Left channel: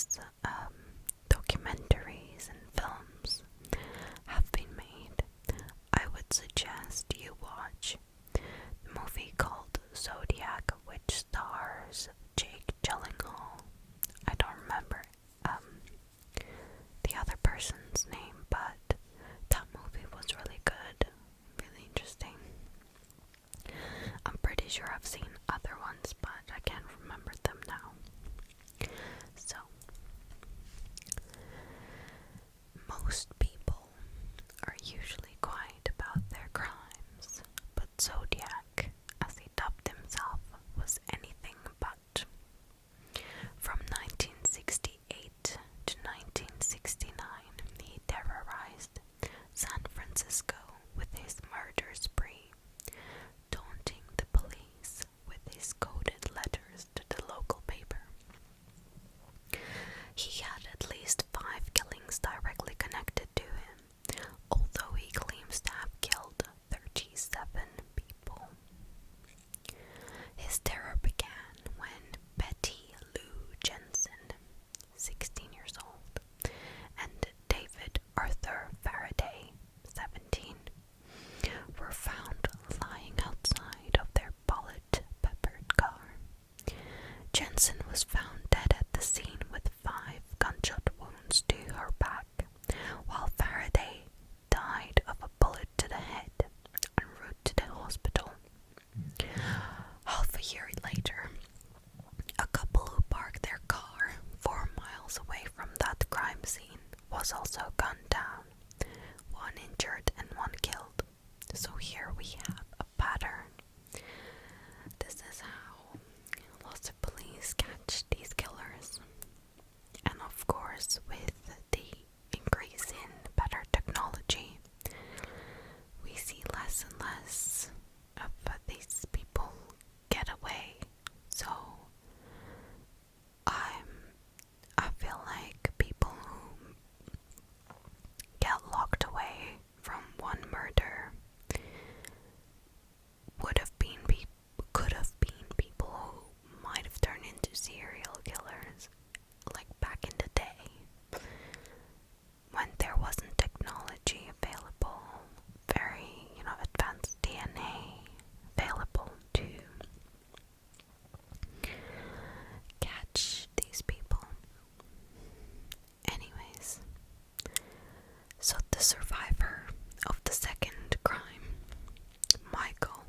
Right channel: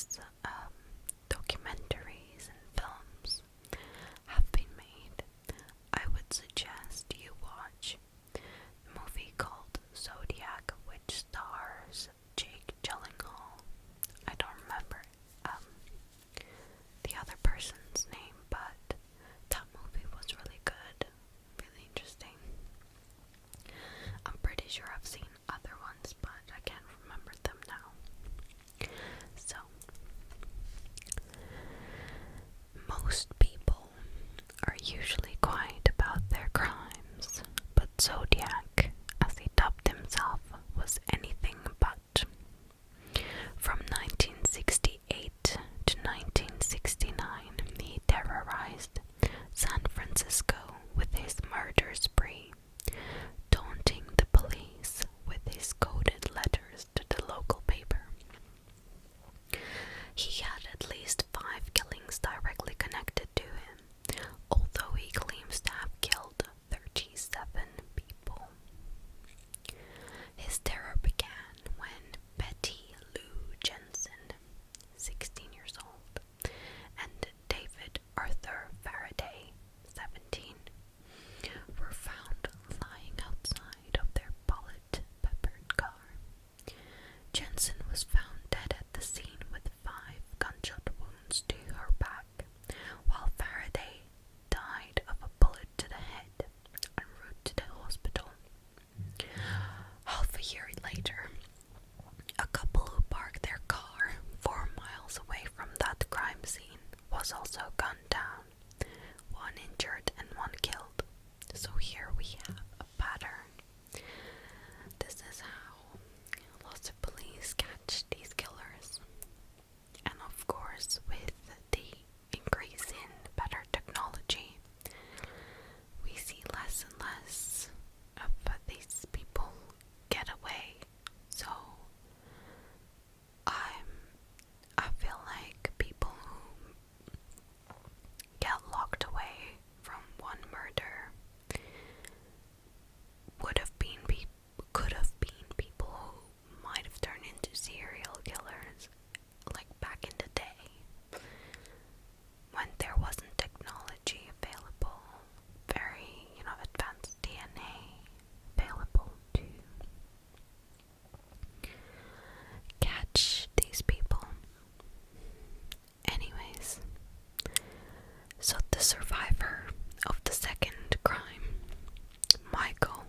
numerous documentaries and films have been made. I would suggest you watch the movie called Zodiac, which stars Jake Gyllenhaal. I don't remember the other person's name, but that movie was really good, really interesting. I'm pretty sure I've seen other ones, but I can't remember them now. So, most people are usually quiet about their crimes, but Zodiac, as he dubbed himself, was anything but. From 1968 to 1969, he terrorized San Francisco with his murder spree, daunting the police with his coded letters to the local paper. He had at least 5 killings directly connected to him, although he claims to have killed 37 people. His terror began when Betty Lou Jensen, 16 years old, and David Arthur Faraday, 17, were found lying outside of their bullet-peppered car. Jensen was found dead at the scene with 5 gunshot wounds to her back, while Faraday died of a bullet to the head en route to the hospital. Half a year later, a couple who parked their car 4 miles away from that crime scene was also gunned down, 1 injured and 1 killed. So here we have a pattern. This is how lots of police catch these killers. And of course, with the increase in better technology, we see less and less of these people get away. So I feel like people who get locked away from one murder could have been people who might have turned into serial killers, like back in the day, when there wasn't technology available, very, advanced DNA available to catch these people. Anyways, so the survivor of the second crime, Michael,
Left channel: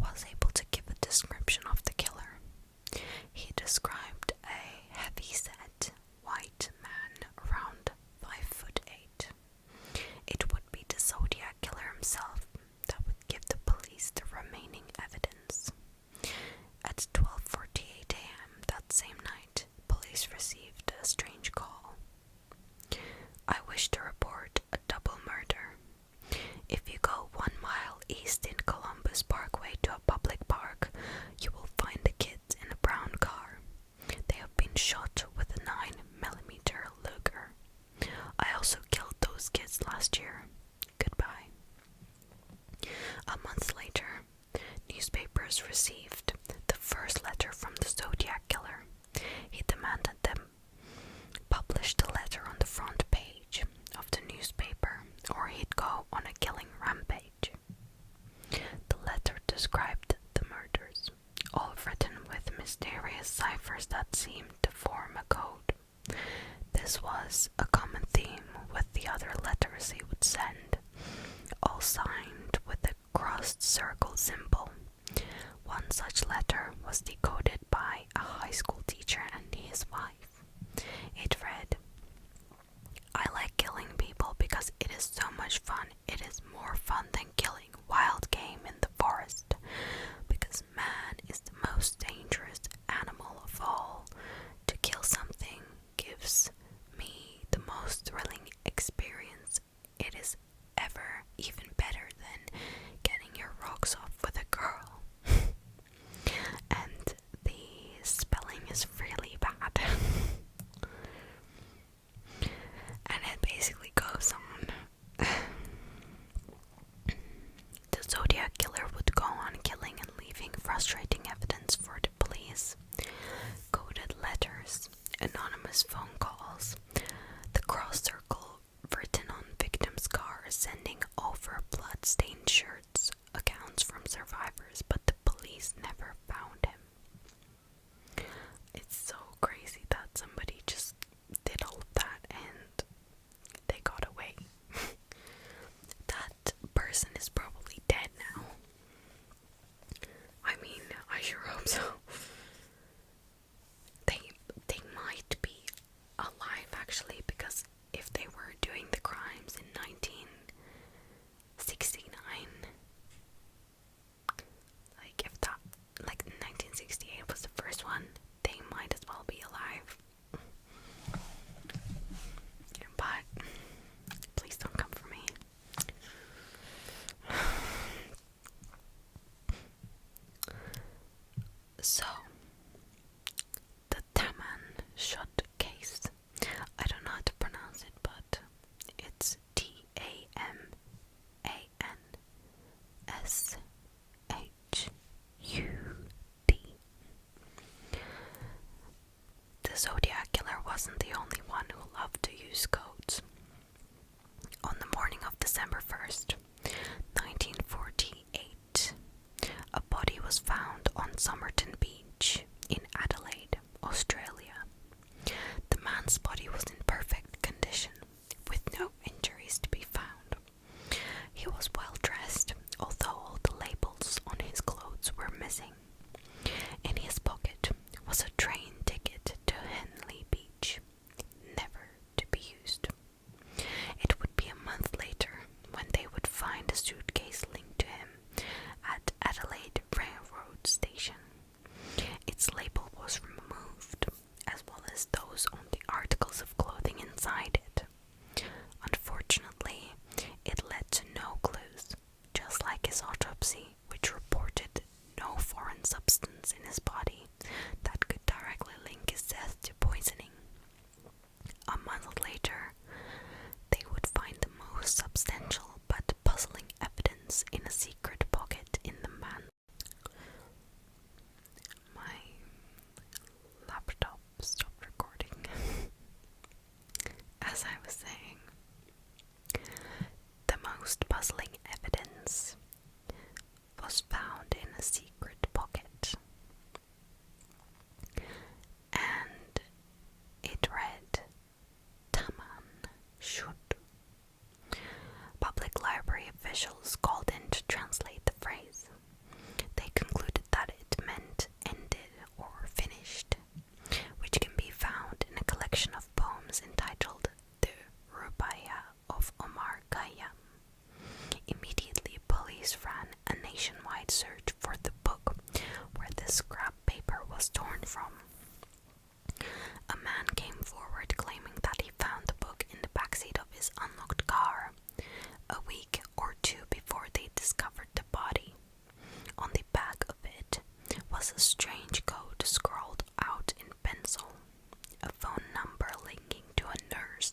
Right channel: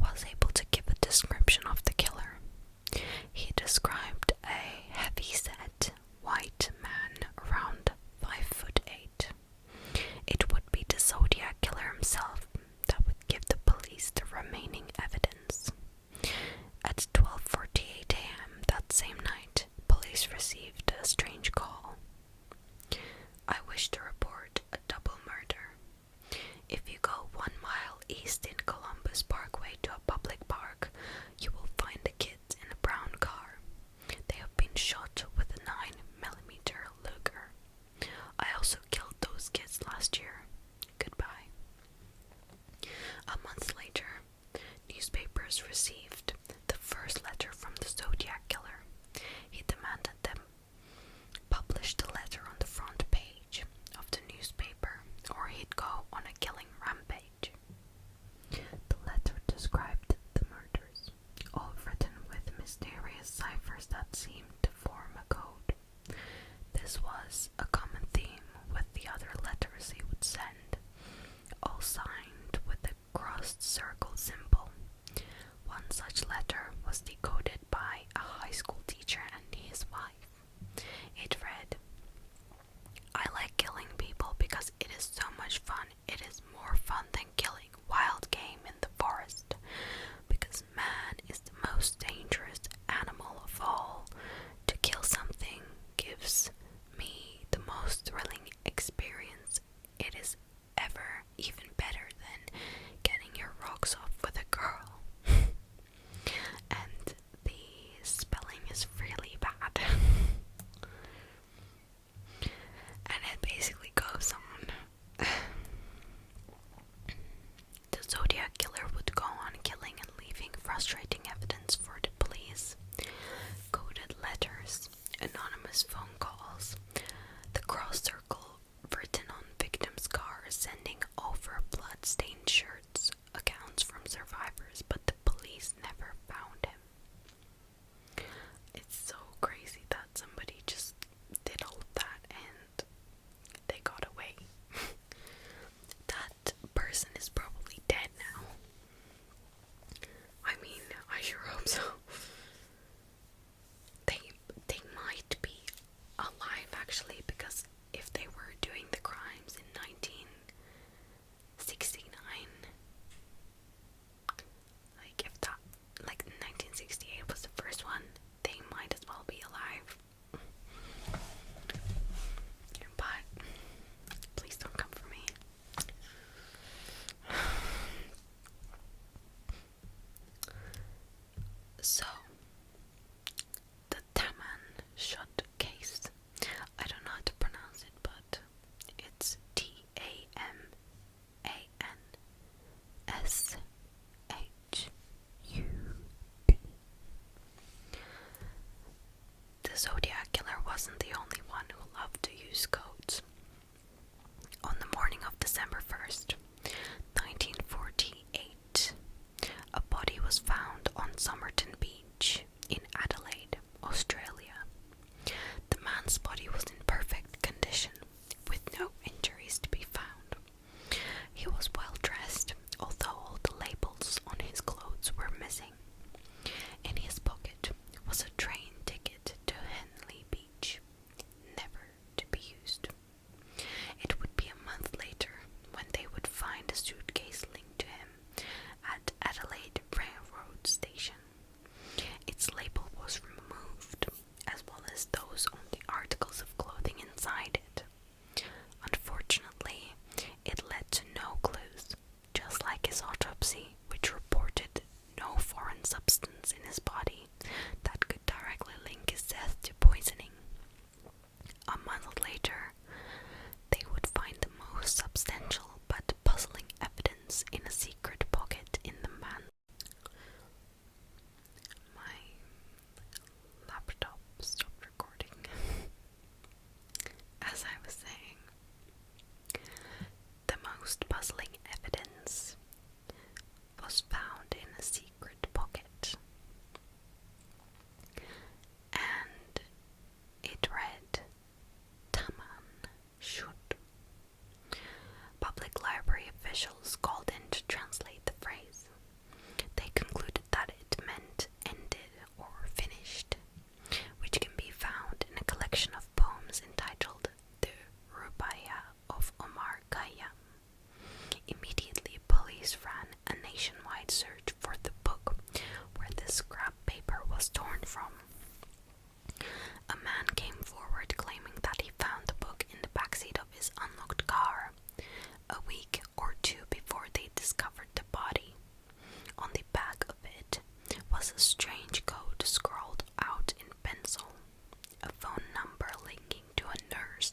was able to give a description of the killer. He described a heavy-set white man around 5'8". It would be the Zodiac Killer himself that would give the police the remaining evidence. At 12:48 a.m. that same night, police received a strange call. I wish to report a double murder. If you go 1 mile east in Columbus Parkway to a public park, you will find the kids in a brown car. They have been shot with a 9mm Luger. I also killed those kids last year. Goodbye. A month later, newspapers received the first letter from the Zodiac Killer. He demanded them publish the letter on the front page of the newspaper, or he'd go on a killing rampage. The letter described the murders, all written with mysterious ciphers that seemed to form a code. This was a common theme with the other letters he would send, all signed with a crossed circle symbol. One such letter was decoded by a high school teacher and his wife. It read, "I like killing people because it is so much fun. It is more fun than killing wild game in the forest, because man is the most dangerous animal of all. To kill something gives me the most thrilling experience. It is ever even better than getting your rocks off with a girl." And the spelling is really his phone calls. The cross circle written on victims' cars sending over blood-stained shirts accounts from survivors, but the police never found him. It's so crazy that somebody just did all of that and they got away. That person is probably dead now. I mean, I sure hope so. They might be alive actually, because if they were doing the crimes in 1969, like 1968 was the first one, they might as well be alive. But please don't come for me. So, the Taman shot case. I don't know how to pronounce it, but it's Tamanshud. The Zodiac Killer wasn't the only one who loved to use codes. On the morning of December 1st, 1948, a body was found on Somerton Beach in Adelaide, Australia. The man's body was in perfect condition, with no injuries to be found. He was well dressed, although all the labels on his clothes were missing. In his pocket was a train ticket to Henley Beach, never to be used. It would be a month later when they would find a suitcase linked to him at Adelaide Railroad Station. Its label was removed, as well as those on the articles of clothing inside it. Unfortunately, it led to no clues, just like his autopsy, which reported no foreign substance in his body that could directly link his death to poisoning. A month later, they would find the most substantial but puzzling evidence in a secret pocket in the man. My laptop stopped recording. As I was saying, the most puzzling evidence was found in a secret pocket, and it read Taman should. Public library officials called in to translate the phrase. They concluded that it meant ended or finished, which can be found in a collection of poems entitled The Rubaya of Omar Khayyam. Immediately, police ran a nationwide search for the book where the scrap paper was torn from. A man came forward claiming that he found the book in the backseat of his unlocked car, a week or two before they discovered the body. On the back of it was a strange code scrawled out in pencil. A phone number linking to a nurse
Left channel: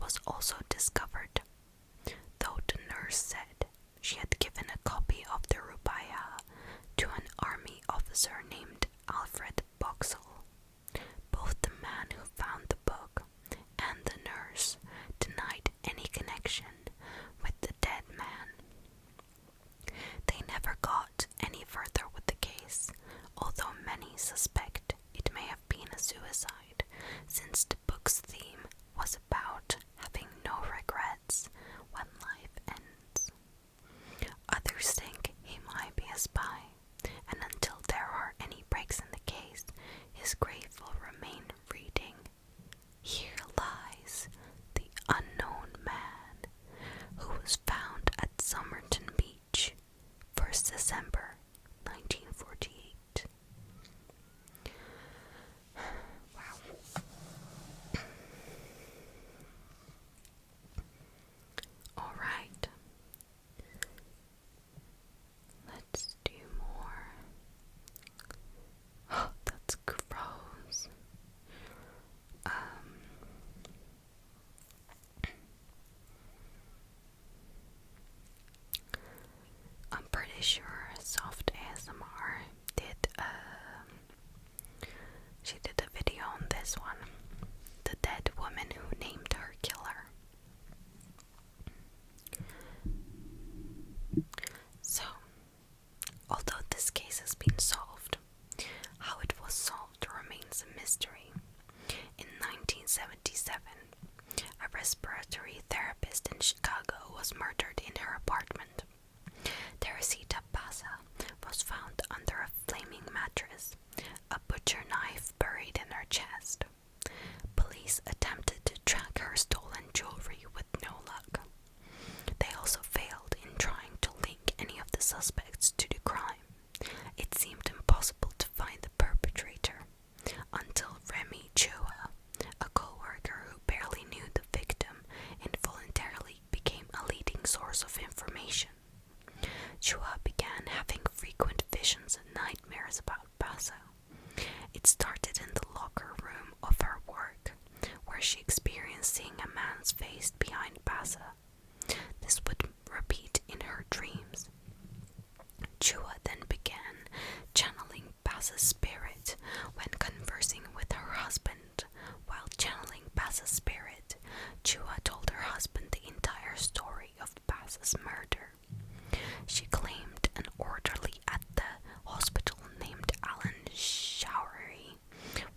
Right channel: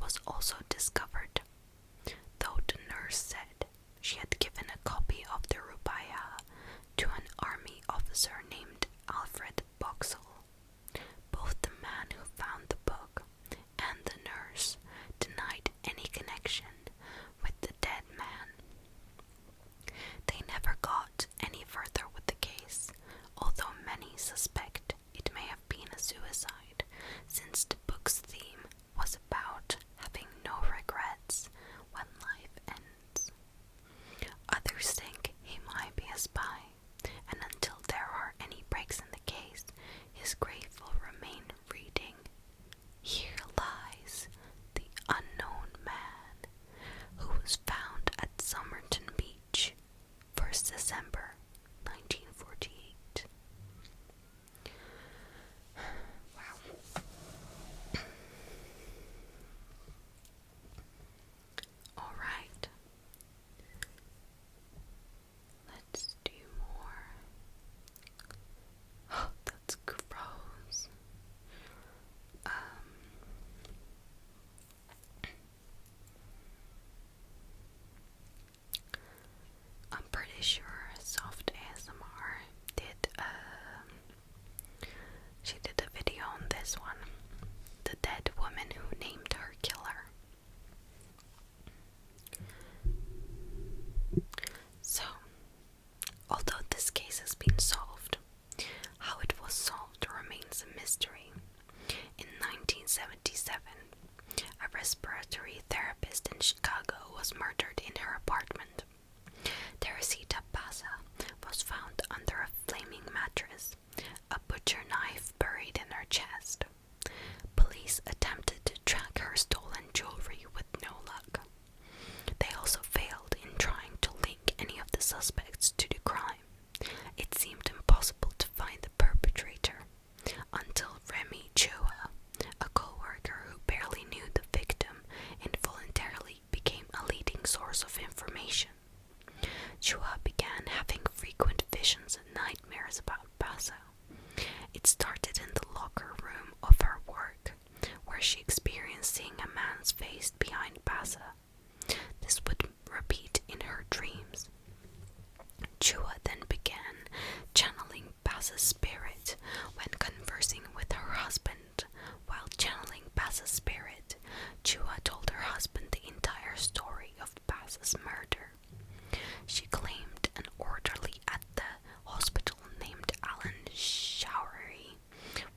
was also discovered, though the nurse said she had given a copy of the Rubaya to an army officer named Alfred Boxall. Both the man who found the book and the nurse denied any connection with the dead man. They never got any further with the case, although many suspect it may have been a suicide, since the book's theme was about having no regrets when life ends. Others think he might be a spy, and until there are any breaks in the case, his grave will remain reading, "Here lies the unknown man who was found at Somerton Beach, 1st December 1948. Wow. Alright. Let's do more. Oh, that's gross. I'm pretty sure Soft ASMR did she did a video on this one. a respiratory therapist in Chicago, was murdered in her apartment. Teresita Basa was found under a flaming mattress, a butcher knife buried in her chest. Police attempted to track her stolen jewelry with no luck. They also failed in trying to link any of the suspects to the crime. It seemed impossible to find the perpetrator until Remy Chua, a co-worker who barely knew the victim, involuntarily became a leading source of information. Chua began having frequent visions and nightmares about Basa. It started in the locker room of her work, where she experienced seeing a man's face behind Basa. This would repeat in her dreams. Chua then began channeling Basa's spirit when conversing with her husband. While channeling Basa's spirit, Chua told her husband the entire story of Basa's murder. She claimed an orderly at the hospital named Alan Showery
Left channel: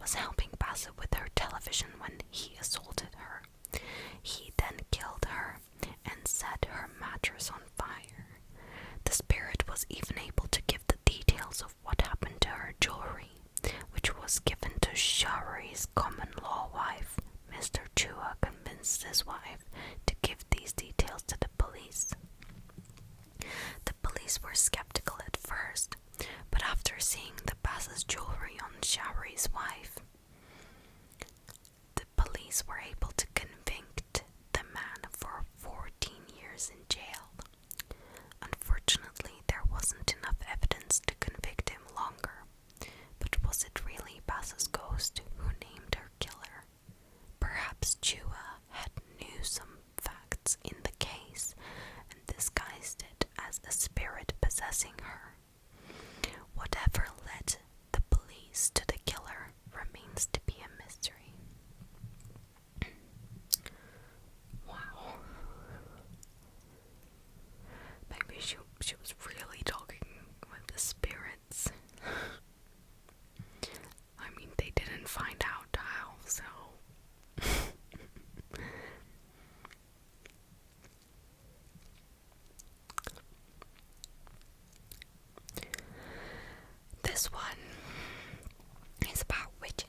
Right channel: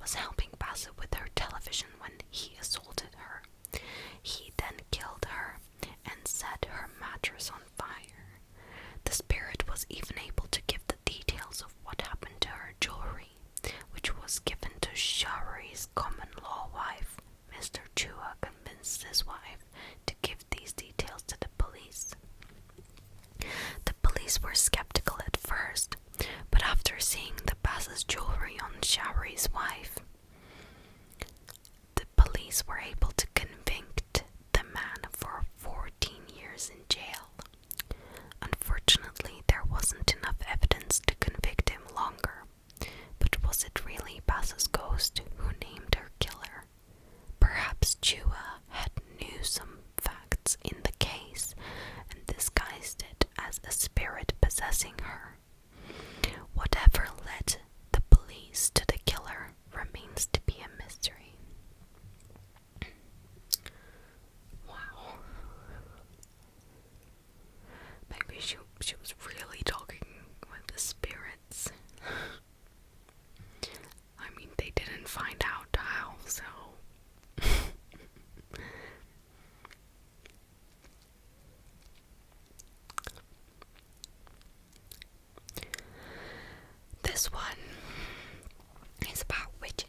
was helping Basa with her television when he assaulted her. He then killed her and set her mattress on fire. The spirit was even able to give the details of what happened to her jewelry, which was given to Showery's common-law wife. Mr. Chua convinced his wife to give these details to the police. The police were skeptical at first, but after seeing the Basa's jewelry on Showery's wife, the police were able to convict the man for 14 years in jail. Unfortunately, there wasn't enough evidence to convict him longer. But was it really Basa's ghost who named her killer? Perhaps Chua had knew some facts in the case and disguised it as a spirit possessing her. Whatever led the police to the killer remains to be a mystery. Wow. Maybe she was really talking with the spirits. I mean, they didn't find out how, so... This one is about witches.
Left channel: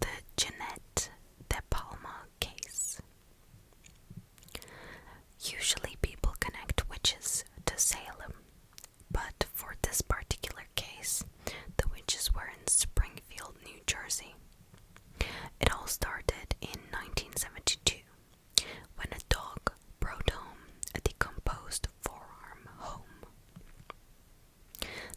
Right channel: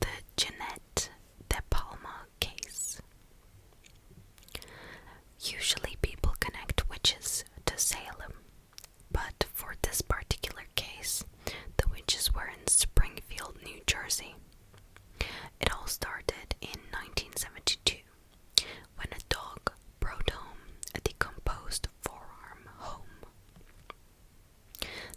The Jeanette De Palma case. Usually people connect witches to Salem, but for this particular case, the witches were in Springfield, New Jersey. It all started in 1972, when a dog brought home a decomposed forearm home.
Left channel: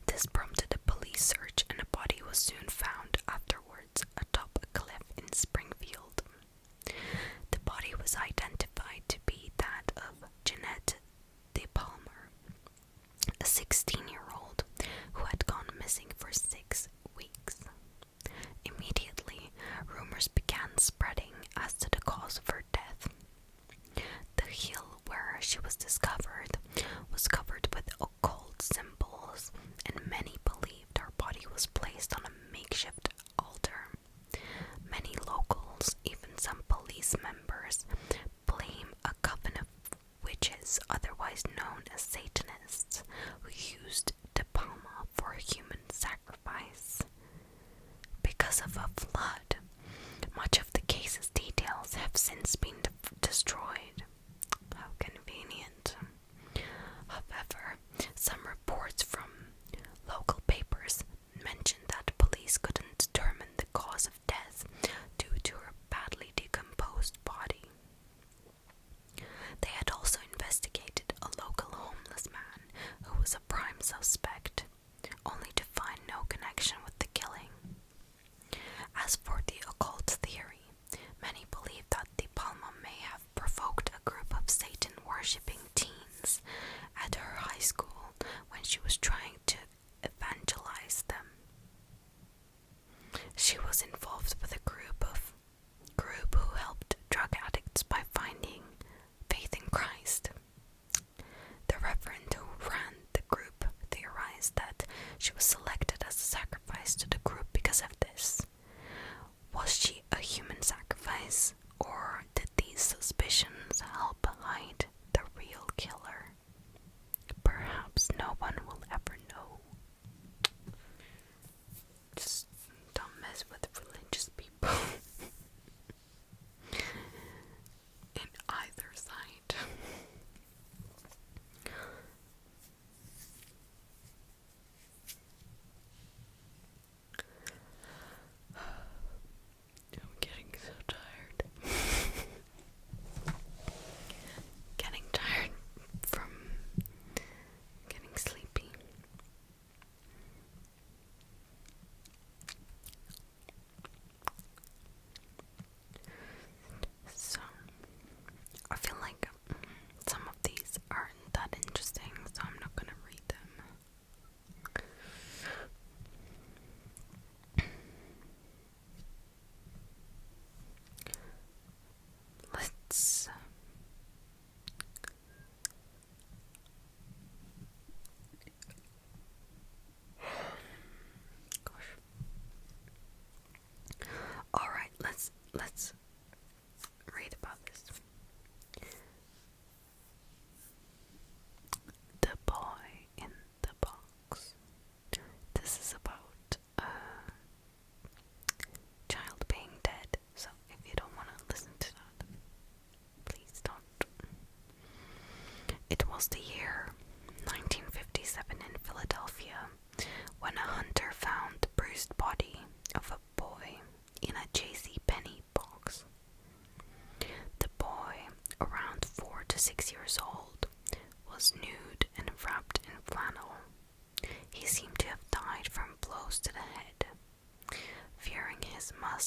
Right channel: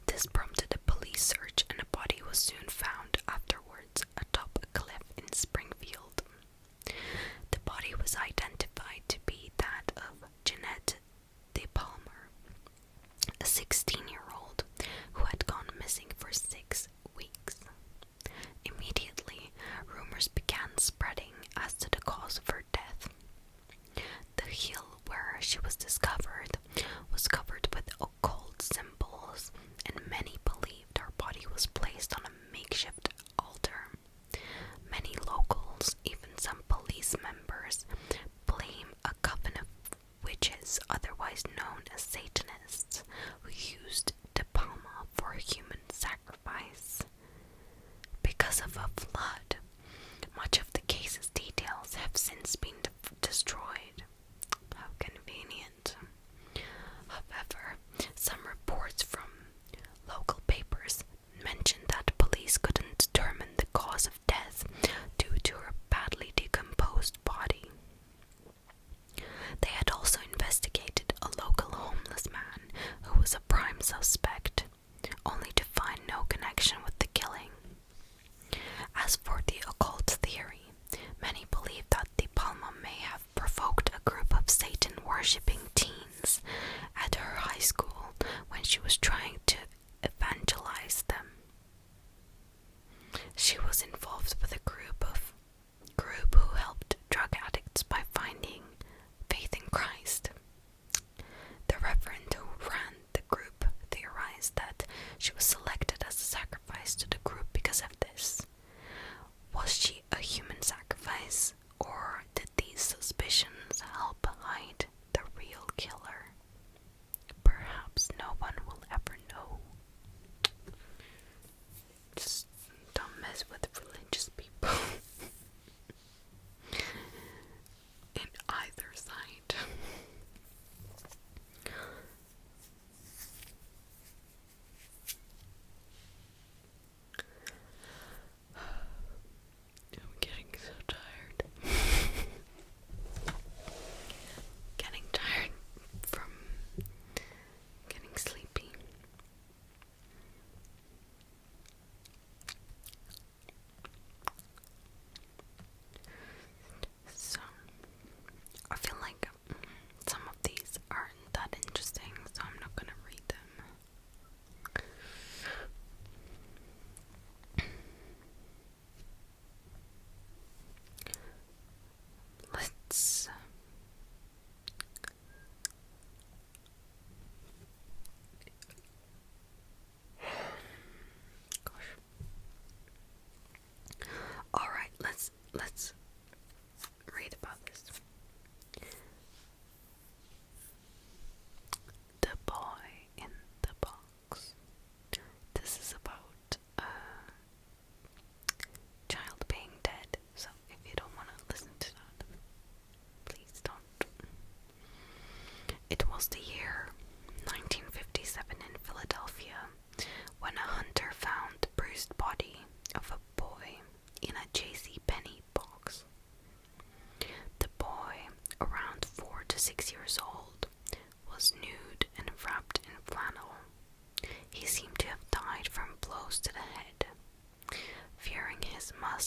This prompted a police search, and a body was soon found afterwards atop a cliff in Springfield. The body was identified to be that of Jeanette De Palmer, a 16-year-old who had gone missing for 6 weeks. Immediately, rumors began spreading as to the cause of her death. The hill where she was discovered was covered with occult symbols, and many believed her body was placed on a makeshift altar. Many locals, even some police members, blame a coven of witches, otherwise known as Satanists, who used De Palma for human sacrifice. Because of a flood, much of the case's details have since been destroyed. How convenient. However, some reports from local papers mentioned that police couldn't determine the cause of death due to her badly decomposed body. They had also investigated a local homeless man who was a prime suspect, only to find no connection with the killing. As for the occult theory, many believe that De Palma may have provoked a group of Satan-worshipping teens at her high school when she was trying to evangelize them. She was involved with a group who helped drug addicts by finding faith in Christ. The reverend who ran the group theorized that she was selected as a sacrifice to the group because of this. Was she a human sacrifice, or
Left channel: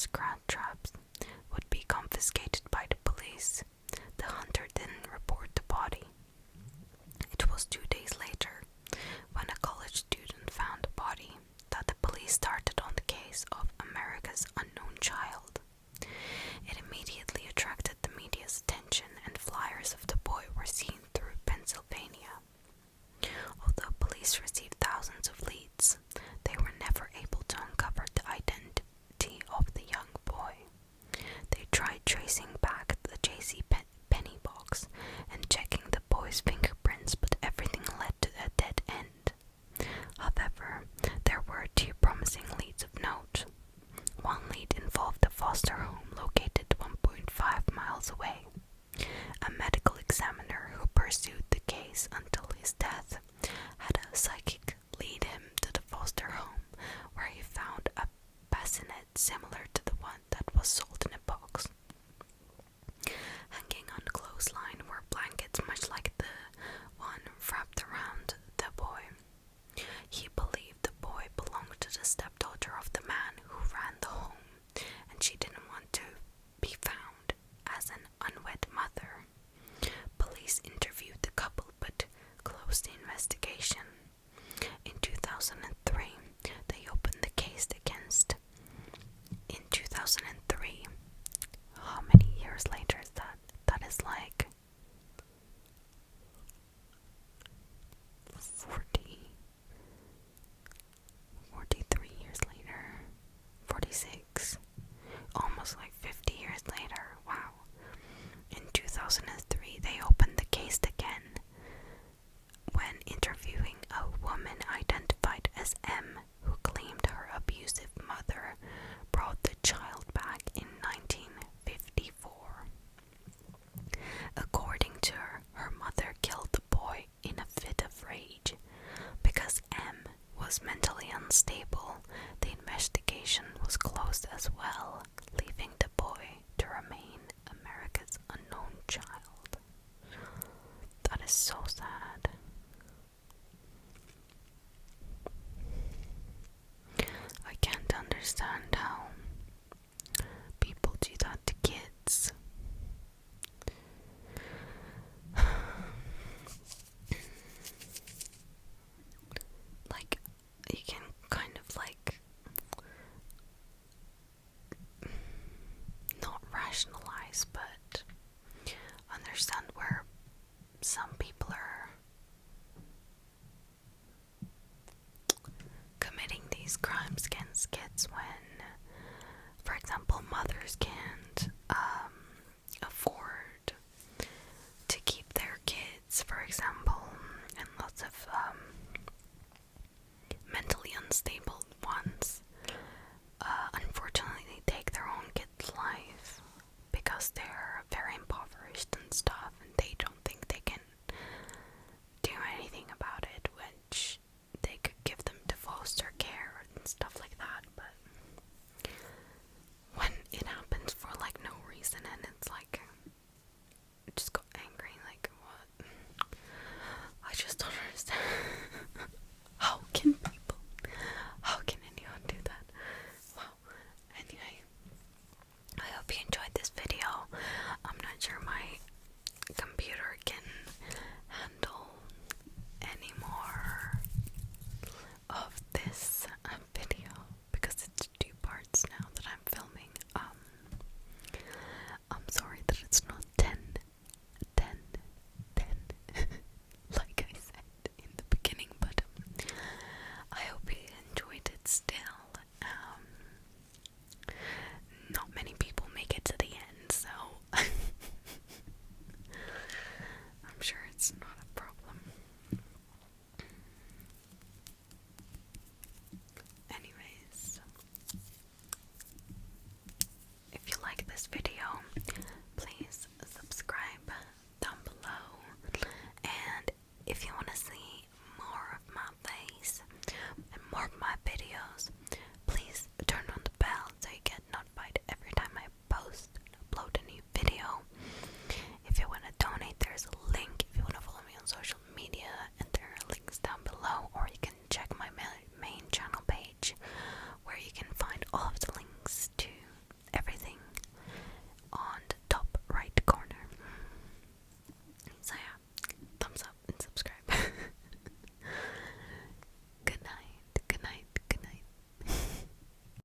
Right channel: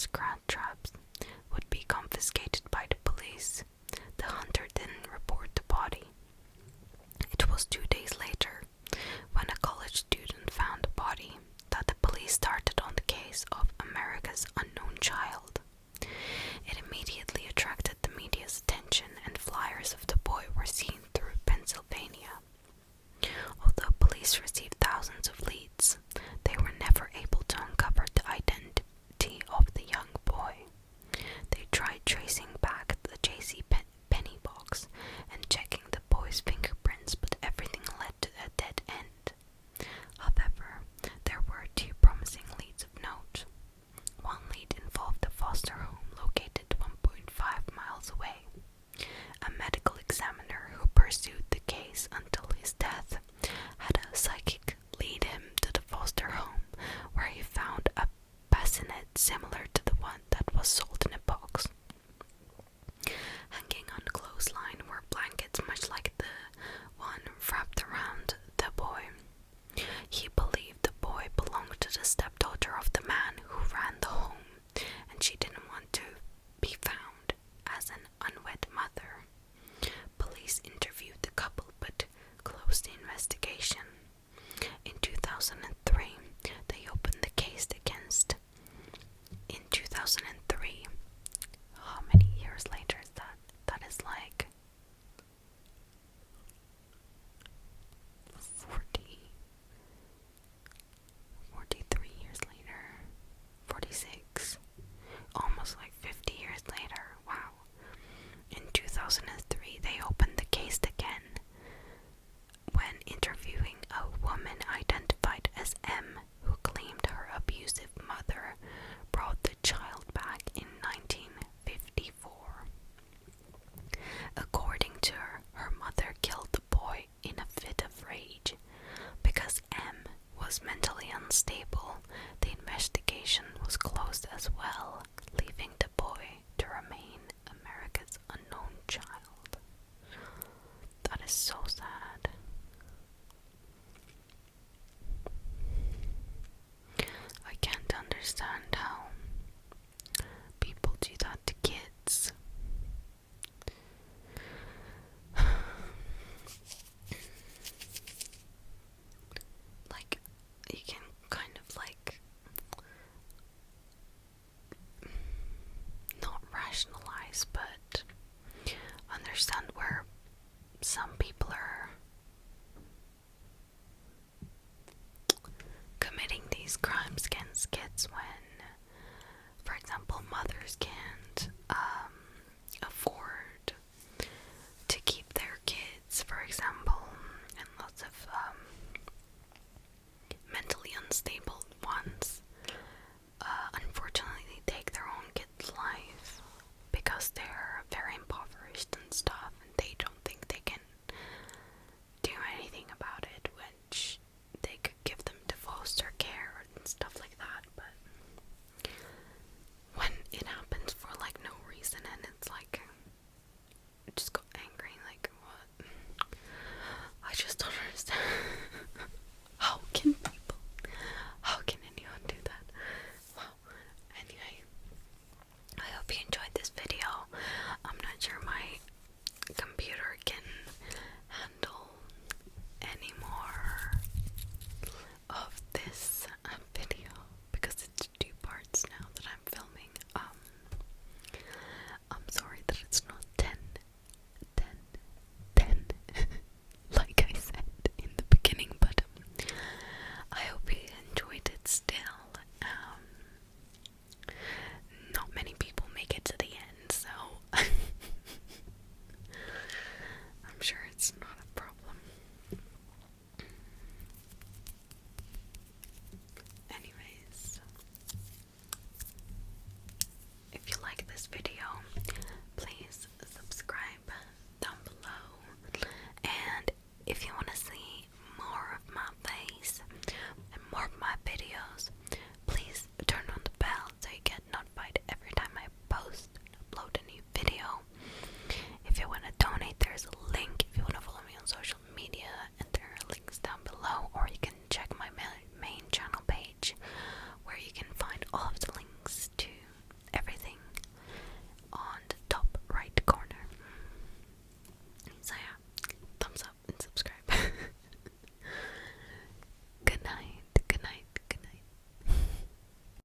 mouse traps would be confiscated by the police, the hunter didn't report the body. It was 2 days later, when a college student found the body, that the police started on the case of America's unknown child. It immediately attracted the media's attention, and flyers of the boy were seen through Pennsylvania. Although police received thousands of leads, they were never able to uncover the identity of the young boy. They tried tracing back the J.C. Penney box and checking the boy's fingerprints, but everything led to a dead end. However, there were 2 promising leads of note. One lead involved a foster home located 1.5 miles away. A medical examiner who pursued the case until his death had a psychic lead him to the foster home, where he found a bassinet similar to the one that was sold in a box. Hanging on the clothesline were blankets much like the one wrapped around the boy. He believed the boy belonged to the stepdaughter of the man who ran the home, and she didn't want to be found as an unwed mother. Police interviewed the couple but closed the investigation. In 2003, they opened the case against. In 2003, how many years later is that? That is like 43 years later, 46, almost like 50 years later. Wow. In 2003, they opened the case again when interviewing a woman identified as M, who claimed her abusive mother brought the child back in 1954. According to her, her mother killed the boy in a fit of rage. Because M was mentally unstable, the investigation was closed as well, leaving the boy to remain America's unknown child. That is so sad. I can't understand how people do that to kids. Like, you can kind of like not rationalize, but understand where some people are committing these crimes against kids when